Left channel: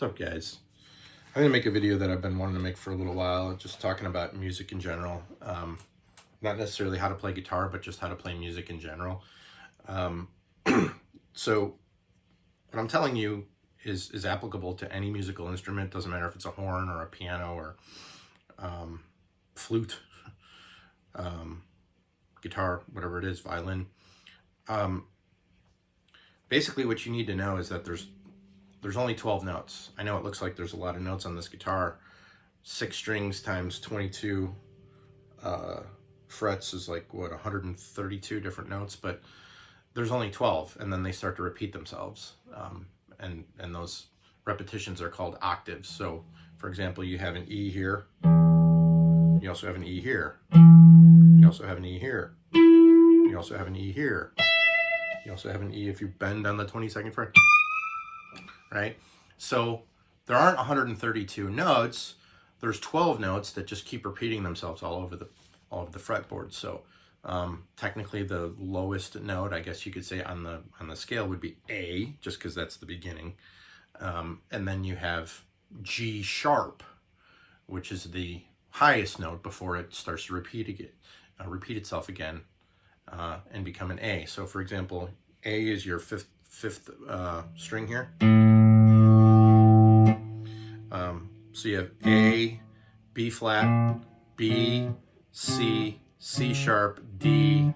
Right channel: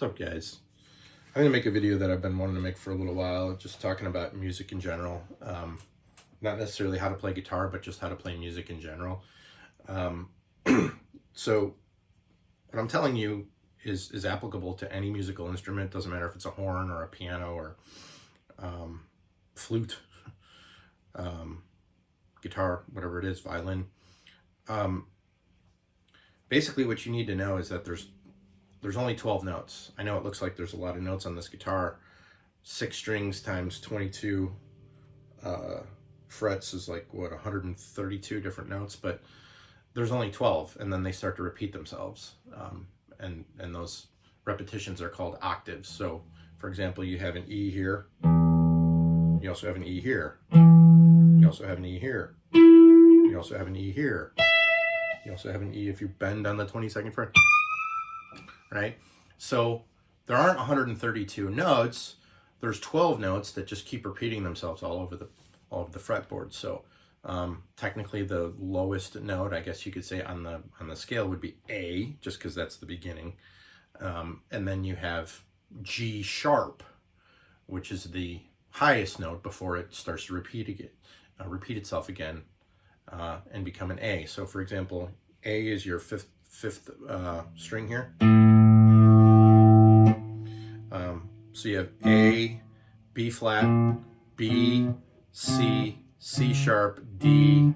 What's up, guys? I'm gonna make a video that I've been wanting to make for a little while, just talking about music in general. Not necessarily how to play guitar, but just how to play music in general. So what I'm telling you is applicable to any musical instrument. Doesn't matter if it's a horn or a piano or flute, guitar, whatever it is, violin. Basically what you need to know is that there's only 12 notes. I know it looks like there's a lot of notes on this guitar. 6 strings times 22 frets is like, what, 132 different notes, but there's only 12, and then they start to repeat themselves. And those repetitions are called octaves. So, for example, you have an E here. You also have an E here. You also have an E here. You also have an E here. You also have an E if you bend on the 22nd fret. Right? So there aren't 132 notes. There's 12 notes that just keep repeating themselves all over the fretboard. So technically the lowest note, I guess you could say, on the scale would be A, just because that's the beginning. And then you have G sharp, which is the highest note before it starts to repeat itself again and become an A. So for example, A is your fifth string here. So you have A, B flat, B, C, C sharp, D,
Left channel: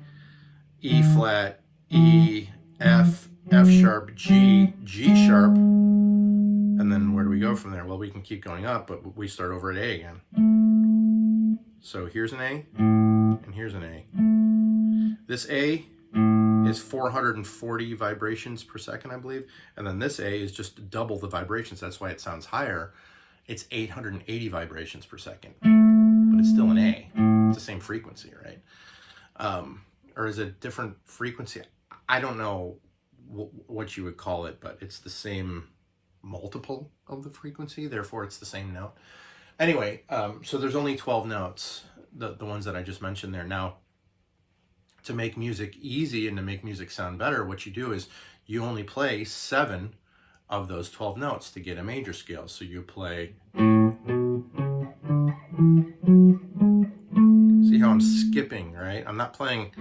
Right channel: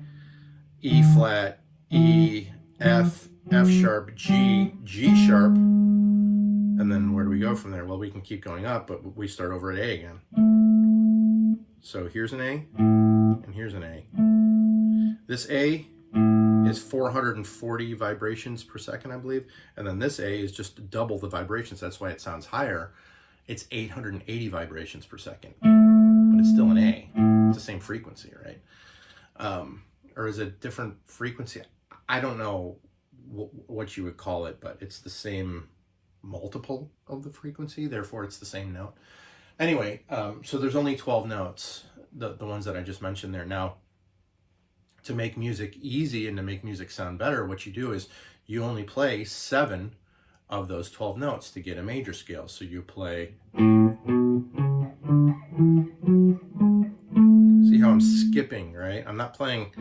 E flat, E, F, F sharp, G, G sharp, and then where do we go from there? Well, we can keep going up, but we start over at A again. So here's an A, and here's an A. This A is 440 vibrations per second, I believe, and then this A is just double the vibrations. That's why it sounds higher. It's 880 vibrations per second, but it's still an A. It's the same frequency, right? Or is it a different frequency? I don't know what you would call it, but it's the same multiple of the frequency, therefore it's the same note. Anyway, so there's only 12 notes, the ones that I just mentioned there. Now, to make music easy and to make music sound better, what you do is you only play 7 of those 12 notes to get a major scale. So you play, see how I'm skipping, right? I'm not playing,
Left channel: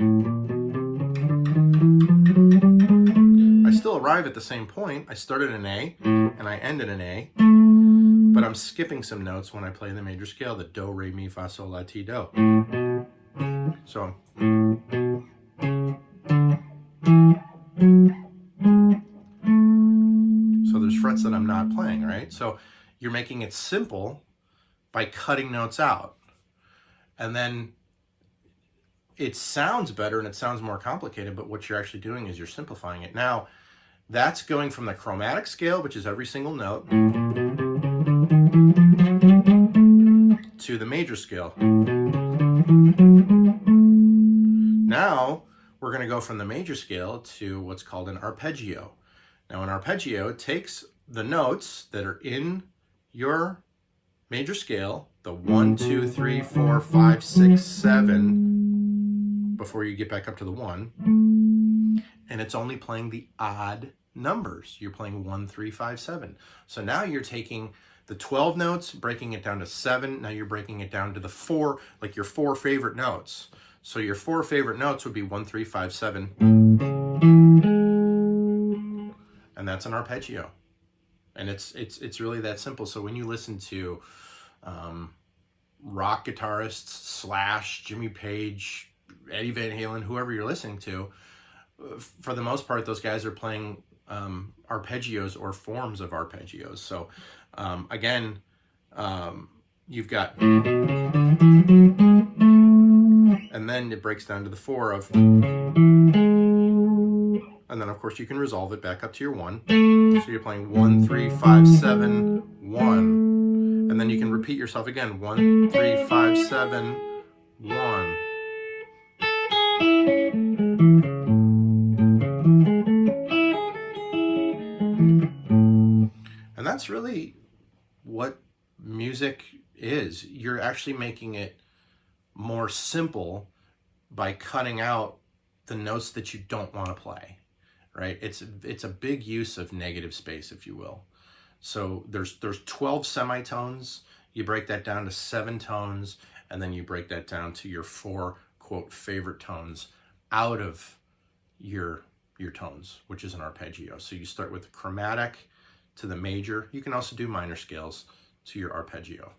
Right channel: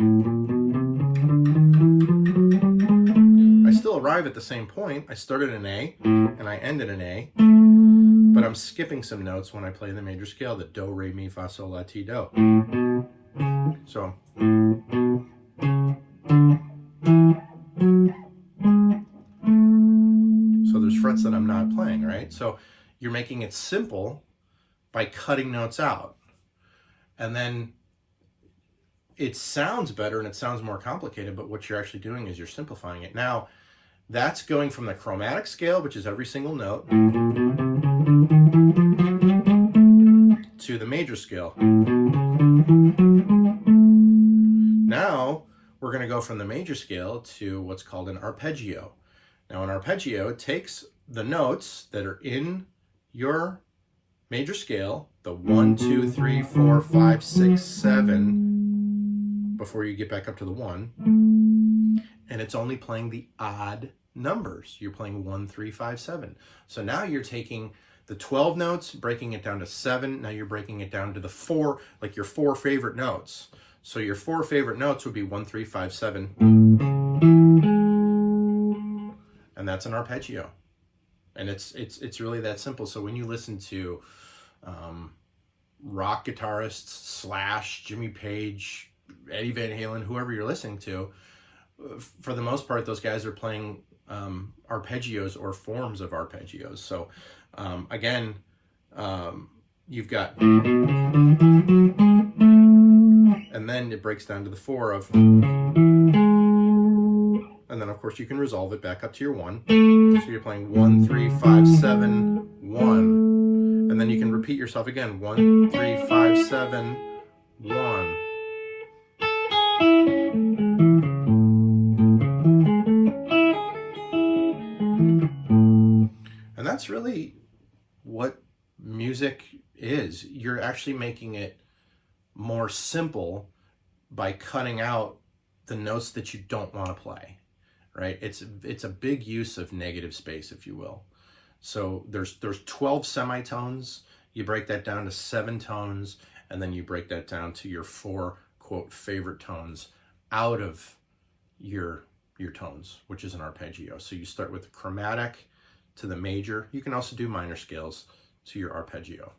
I still arrive at the same point. I start at an A and I end at an A, but I'm skipping some notes when I play the major scale, the do, re, mi, fa, sol, la, ti, do. So there's frets that I'm not playing, right? So you're making it simple by cutting notes out. And then it sounds better and it sounds more complicated, but what you're actually doing is you're simplifying it. Now, that's going from the chromatic scale, which is every single note, to the major scale. Now, we're going to go from the major scale to what's called an arpeggio. Now, an arpeggio takes the notes that are in your major scale, the 1, 2, 3, 4, 5, 6, 7, before you get back up to the 1, and it's only playing the odd numbers. You're playing 1, 3, 5, 7. So now you're taking the 12 notes, breaking it down to 7. Now you're breaking it down to the 4, like your 4 favorite notes. So your 4 favorite notes would be 1, 3, 5, 7. And that's an arpeggio. And it's really that simple. So when you listen to rock guitarists, Slash, Jimmy Page, Eddie Van Halen, whoever you're listening to, for the most part, those guys are playing arpeggios or forms of arpeggios. So again, you've got, and then it breaks down to the 4 of, and then of course you can resolve it back up to your 1. So you're playing 1, 3, 5, 7, 1. And then you can repeat yourself again, 1, 3, 5, 7, 1. And that's really what music is. You're actually making it more simple by cutting out the notes that you don't want to play, right? It's a big use of negative space, if you will. So there's 12 semitones. You break that down to 7 tones, and then you break that down to your 4, quote, favorite tones out of your tones, which is an arpeggio. So you start with the chromatic to the major. You can also do minor scales to your arpeggio.